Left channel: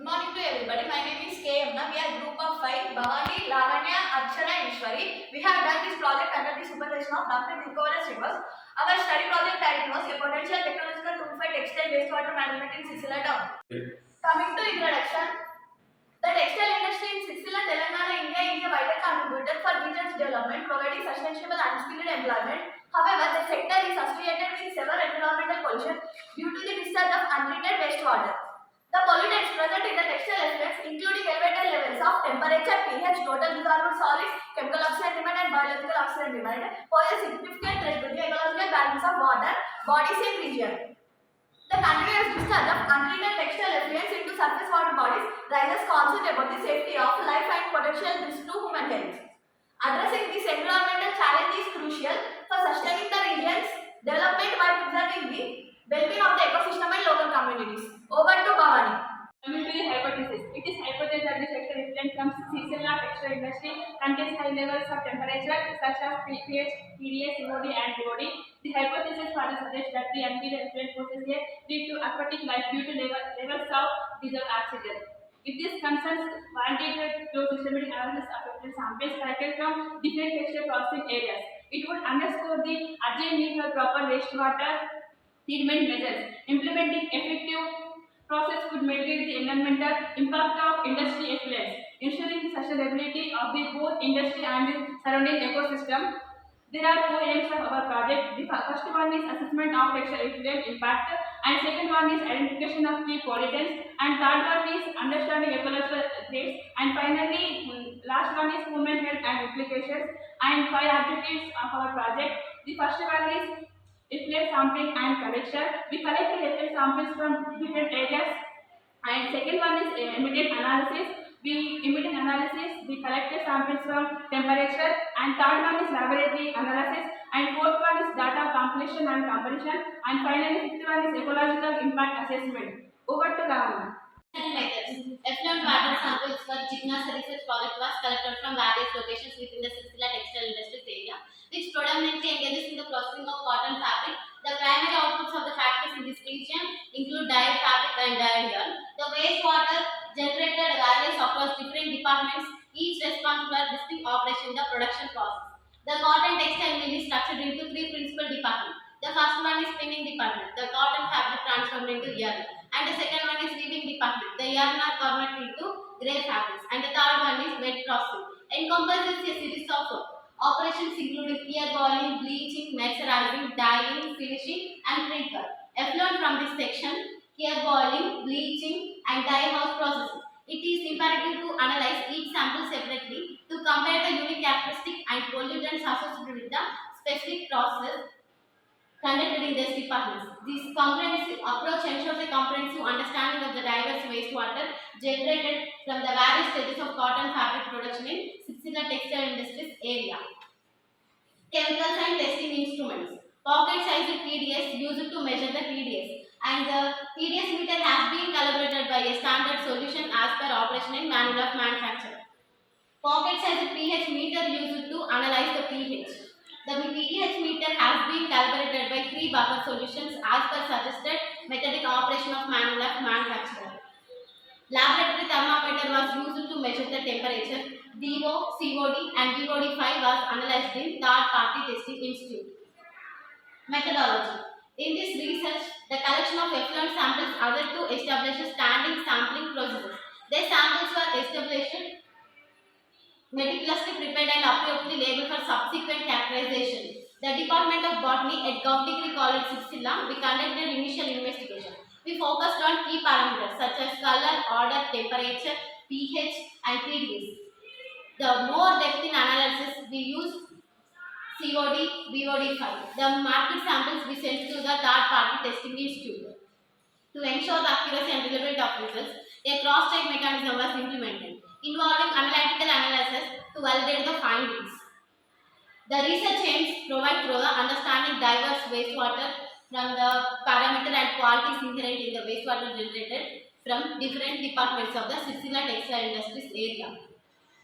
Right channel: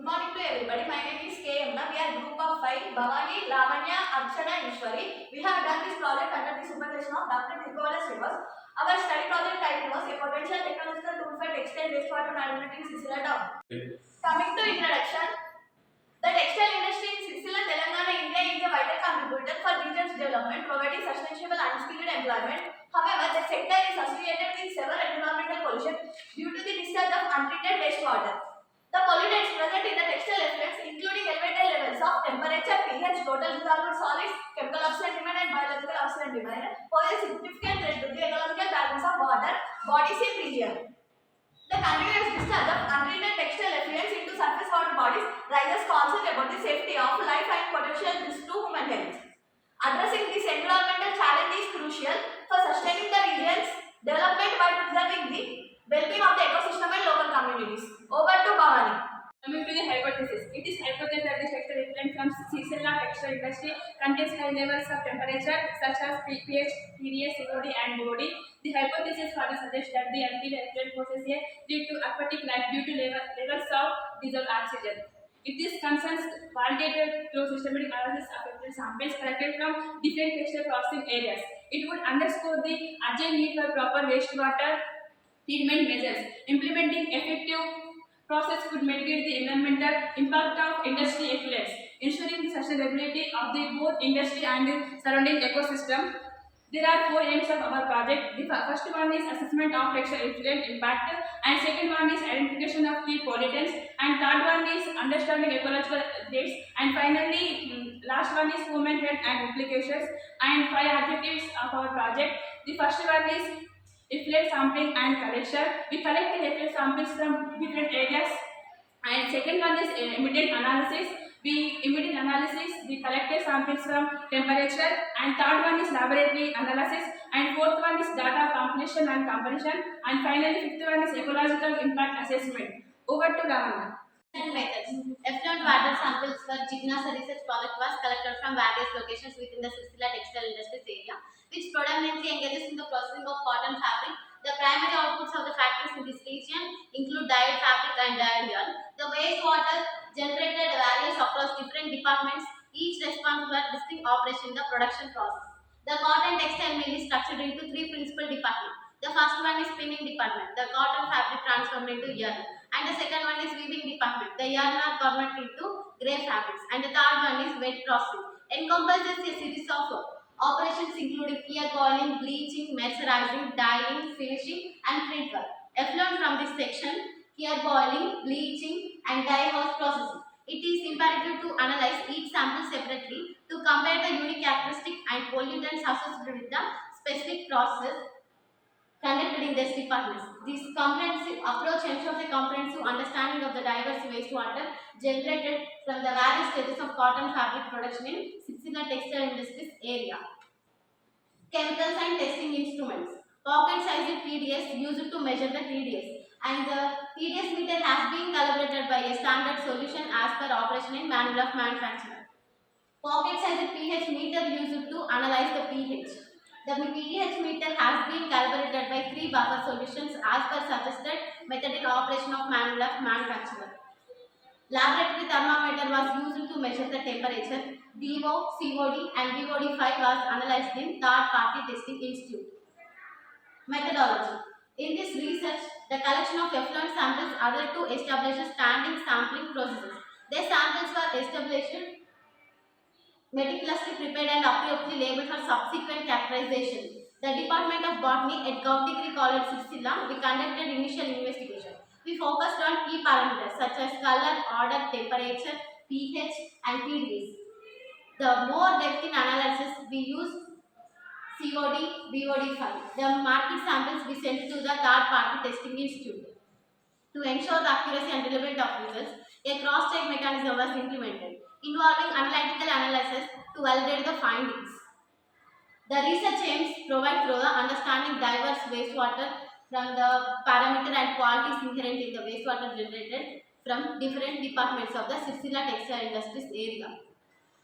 Good morning to everybody. My name is KM. We are group of 5. Bhavani, Lavanya, Archana and Ishwari. We have done this project under the supervision of Dr. Jignasa. Our study project title was a potential technological tool for textile wastewater management in Sircilla town. Coming to introduction, the textile industry in Sircilla, Telangana, India is a vital contributor for region's development, providing sustainable and skilled employment. However, the sector is associated with several environmental pollution due to the discharge of untreated wastewater. The pollutants present in the textile effluents, including elevated levels of temperature, pH, total dissolved solids, chemical oxygen demand and biological oxygen demand, pose a significant threat to the ecological balance of water bodies in region. The continuous discharge of untreated textile effluents into surface water bodies raises concerns about the safety of life and potential risk to human health. Addressing this environmental challenge is crucial for sustaining the region's development while preserving the well-being of the ecosystem and local communities. Over to Bhavani. Coming to the hypothesis, it is hypothesized that the textile effluent from Sircilla textile industry contains high levels of temperature such as pH, TDS, COD and BOD. The hypothesis further suggests that the untreated effluent poses a threat to aquatic life due to levels of dissolved oxygen. If this concerns validated through systematic analysis of effluent samples collected from different textile processing areas, it would underscore the urgent need for proper wastewater treatment measures. Implementing effective process could mitigate the environmental impact of industry effluents, ensuring the sustainability of the both industry and the surrounding ecosystem. There are 4 aims of our project. The first one is assessment of textile effluent impact, and second one is identification of key pollutants, and third one is understanding ecological threats, and finally last one is human health and implications. And 5 objectives of our project. The first one is effluent sampling and collection. We collect the effluent samples from different areas, and second one is immediate analysis. We immediate analysis the collected samples from temperature, and third one is laboratory analysis, and fourth one is data compilation and comparison, and finally fifth one is ecological impact assessment. Over to Lavanya. Methods. Effluent water samples for Jignasa research project was collected from various locations within the Sircilla textile industries area, which predominantly engages in the processing of cotton fabric. The primary outputs of the factories in this region include dyed fabric and dyed yarn. The wastewater generated varies across different departments, each responsible for distinct operation in the production process. The cotton textile mill is structured into 3 principal departments. The first one is spinning department. The cotton fabric transformed into yarn. And the second one is weaving department. The yarn are converted into grey fabrics. And the third one is wet processing. Encompasses a series of operations including clear boiling, bleaching, mercerizing, dyeing, finishing and print work. Effluent from this section, clear boiling, bleaching and dye house processing. It is imperative to analyze each sample separately to compare the unique characteristic and pollutants associated with the specific process conducted in these departments. This comprehensive approach ensures a comprehensive understanding of the diverse wastewater generated from the various stages of cotton fabric production in Sircilla textile industries area. Chemicals and testing instruments. Pocket-sized TDS used to measure the TDS, and the TDS meter has been calibrated by a standard solution as per operation in manual of manufacturer. Pocket-sized pH meter used to analyze the pH. The pH meter has been calibrated by 3 buffer solutions as per suggested methodic operation of manual of manufacturer. Laboratory thermometer was used to measure the temperature. DO, COD and BOD5 was analyzed in third-party testing institute. Methodology. In this research, the collection of effluent samples added to establish standing sampling procedures. The samples were established, meticulously prepared and appropriately labeled for subsequent characterization. The Department of Botany at Gdc College Sircilla, we conducted initial investigation. We focused on key parameters such as color, order, temperature, pH and TDS. The more depth in analysis, we used COD, BOD5. The marked samples we sent to the third-party testing institute. To ensure the accuracy and reliability of results, a cross-check mechanism was implemented, involving analytical analysis to validate the findings. The research aims provide through the understanding diverse wastewater from the parameter and qualities inherent in the wastewater generated from different departments of the Sircilla textile industries area.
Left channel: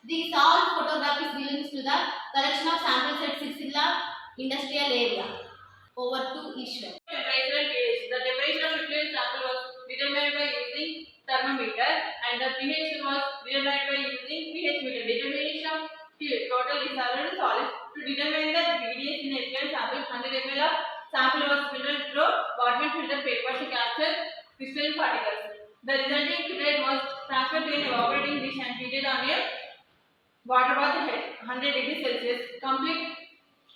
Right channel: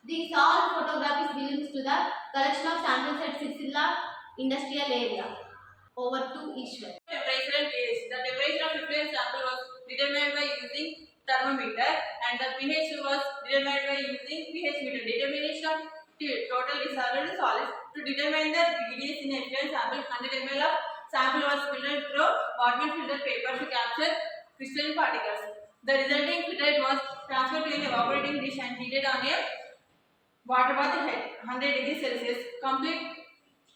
These all photographs belongs to the collection of samples at Sircilla industrial area. Over to Ishwar. Temperature and pH. The temperature of effluent sample was determined by using thermometer, and the pH was determined by using pH meter. Determination of total dissolved solids. To determine the BDS in effluent sample, 100 ml of sample was filtered through Botman filter paper to capture crystalline particles. The resulting filtrate was transferred to an evaporating dish and heated on a water bath at 100 degrees Celsius. Complete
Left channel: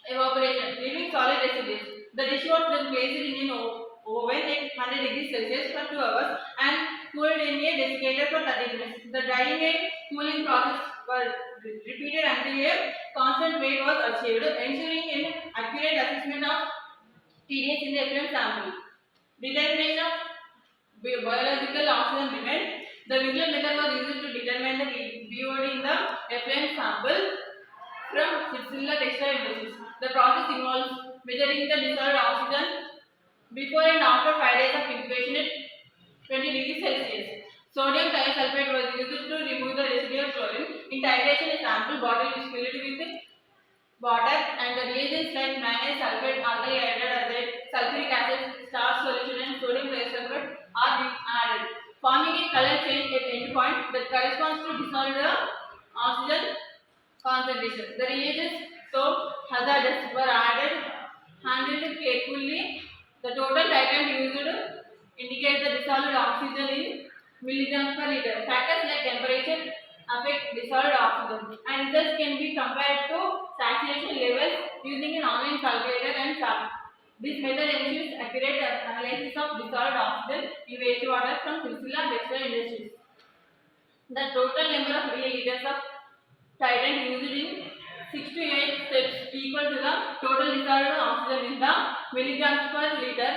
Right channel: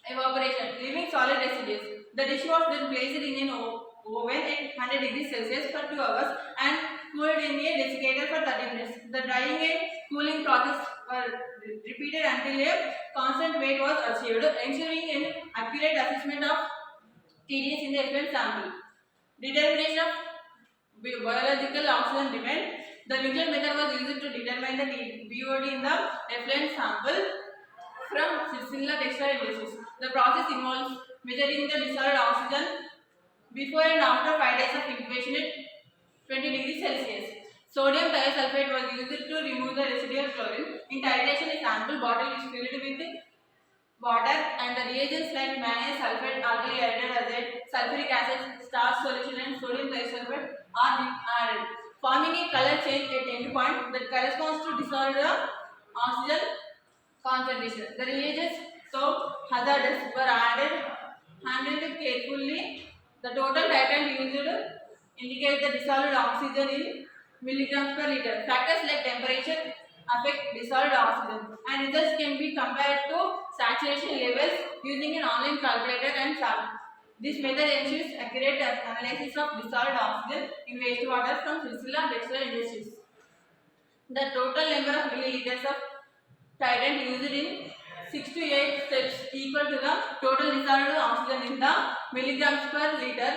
evaporation, leaving solid residues. The dish was then placed in an oven at 100 degrees Celsius for 2 hours and cooled in a desiccator for 30 minutes. The drying and cooling process were repeated until a constant weight was achieved, ensuring an accurate assessment of TDS in the effluent sample. Determination of biological oxygen demand. The Winkler method was used to determine the BOD in the effluent sample from Sircilla textile industries. The process involves measuring the dissolved oxygen before and after 5 days of incubation at 20 degrees Celsius. Sodium thiosulfate was used to remove the residual chlorine. In titration, a sample bottle is filled with water and the reagents like manganese sulfate, alkali hydroxide, sulfuric acid, starch solution and sodium thiosulfate are added, forming a color change at end point that corresponds to dissolved oxygen concentration. The reagents, so hazardous, were handled carefully. The total titrant used indicates the dissolved oxygen in milligrams per liter. Factors like temperature affect dissolved oxygen, and results can be compared to saturation levels using an online calculator and chart. This method ensures accurate analysis of dissolved oxygen in wastewater from Sircilla textile industries. The total number of milliliters of titrant used in 6 to 8 steps equal to the total dissolved oxygen in the milligrams per liter.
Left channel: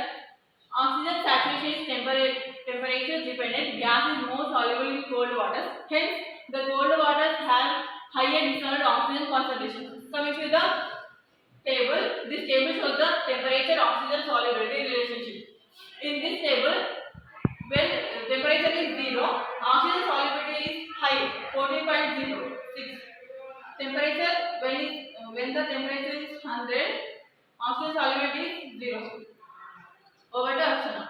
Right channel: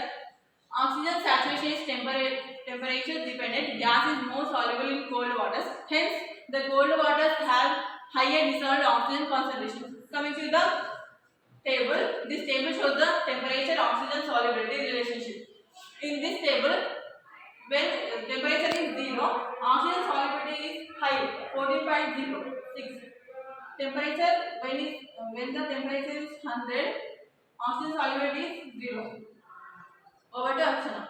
Oxygen saturation is temperature dependent. Gas is more soluble in cold waters. Hence, the cold waters have higher dissolved oxygen concentration. Coming to the table, this table shows the temperature oxygen solubility relationship. In this table, when temperature is 0, oxygen solubility is high, 14.06. Temperature when the temperature is 100, oxygen solubility is 0. Over to Akshana.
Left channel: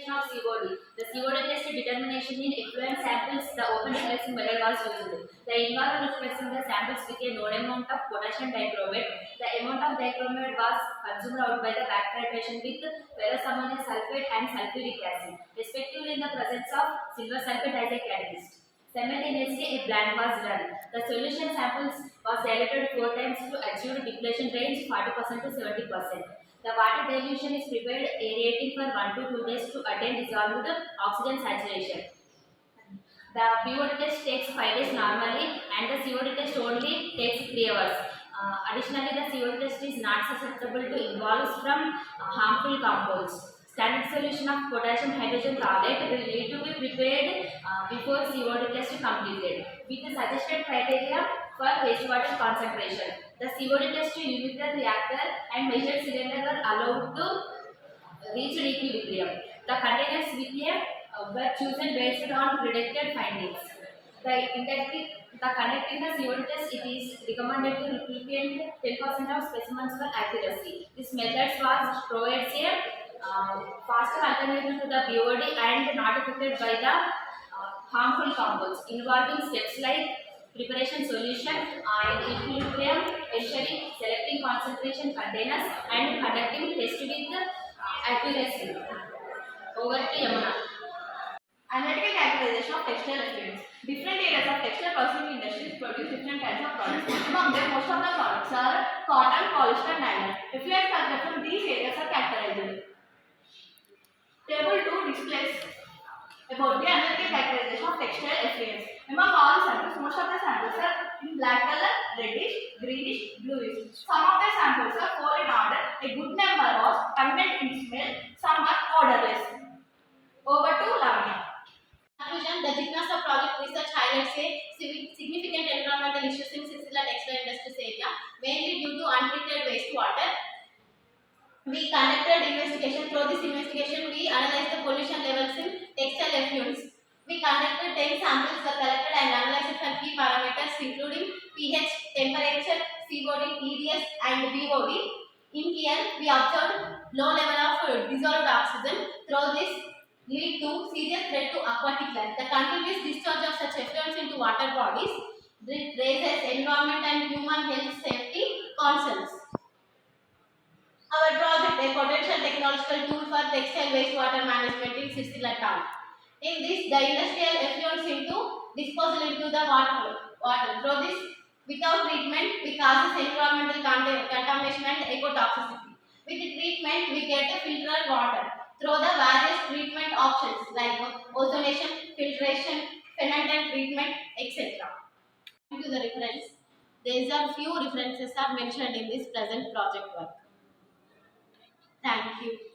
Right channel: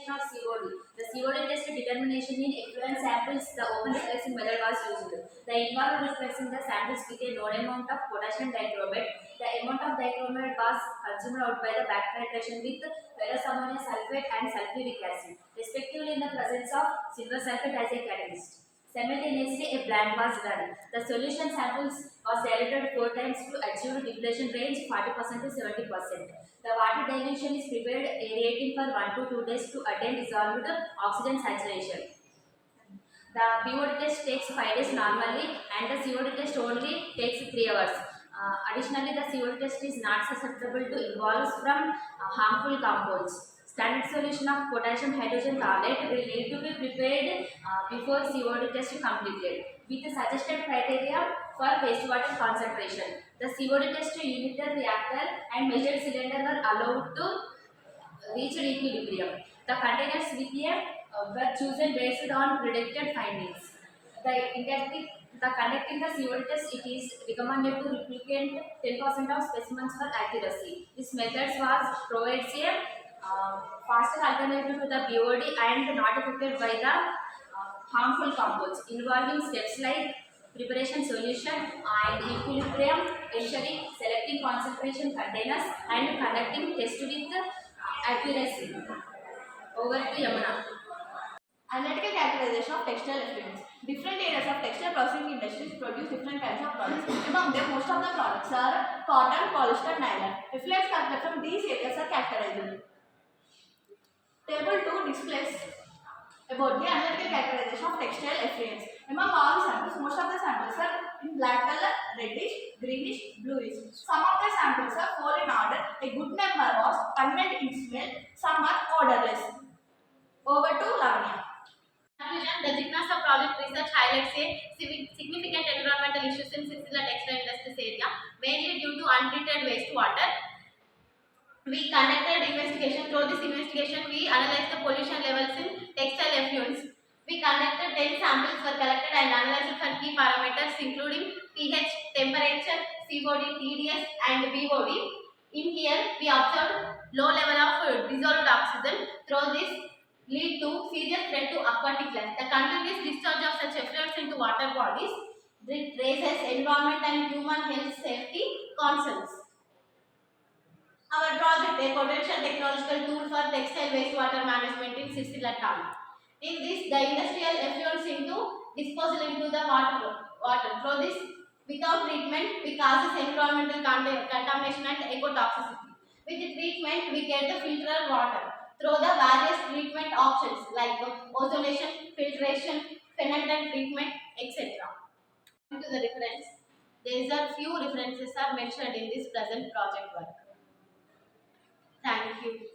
Of COD. The COD test determination in effluent samples, the open reflexing method was used. The involved reflexing the samples with a known amount of potassium dichromate. The amount of dichromate was consumed out by the back titration with ferrous ammonium sulfate and sulfuric acid, respectively in the presence of silver sulfate as a catalyst. Simultaneously, a blend was done. The solution samples was diluted 4 times to achieve depletion range 40% to 70%. The water dilution is prepared aerating for 1 to 2 days to attain dissolved oxygen saturation. The BOD test takes 5 days normally and the COD test only takes 3 hours. Additionally, the COD test is not susceptible to involves from harmful compounds. Standard solution of potassium hydrogen tablet will need to be prepared before COD test completed with the suggested criteria for wastewater concentration. The COD test unit reactor and measured cylinder were allowed to reach equilibrium. The containers with a were chosen based on predicted findings. Conducting the COD test, it is recommended to replicate 10% of specimens for accuracy. This method provides a faster alternative to the BOD and not affected by the harmful compounds, involving steps like preparation solution and equilibrium, ensuring selecting concentration containers and conducting test with accuracy. Over to Yamuna. Analytical characterization of textile effluents. Different areas of textile processing industries produce different kinds of products. Among them, most of the products are cotton, polyester, nylon. Effluents collected from these areas are characterized. Table 2 displays about the analytical characterization of textile effluents. Among all the samples, most of the samples are in black color, reddish, greenish, bluish. Some of the samples are 4 in order. A good number was content in smell. Some are odorless. Over to Lavanya. Conclusion: the Jignasa project research highlights a significant environmental issues in Sircilla textile industries area, mainly due to untreated wastewater. We conducted investigation. Through this investigation, we analyzed the pollution levels in textile effluents. We conducted 10 samples were collected and analyzed for key parameters including pH, temperature, COD, TDS and BOD. In here, we observed low level of dissolved oxygen. Through this, lead to serious threat to aquatic life. The continuous discharge of such effluents into water bodies raises environment and human health safety concerns. Our project, a potential technological tool for textile wastewater management in Sircilla town. In this, the industrial effluents into disposal into the water. Through this, without treatment, we causes environmental contamination and ecotoxicity. With the treatment, we get the filtered water through the various treatment options like ozonation, filtration, phenyl treatment, etc. To the reference, these are few references are mentioned in this present project work. Thank you.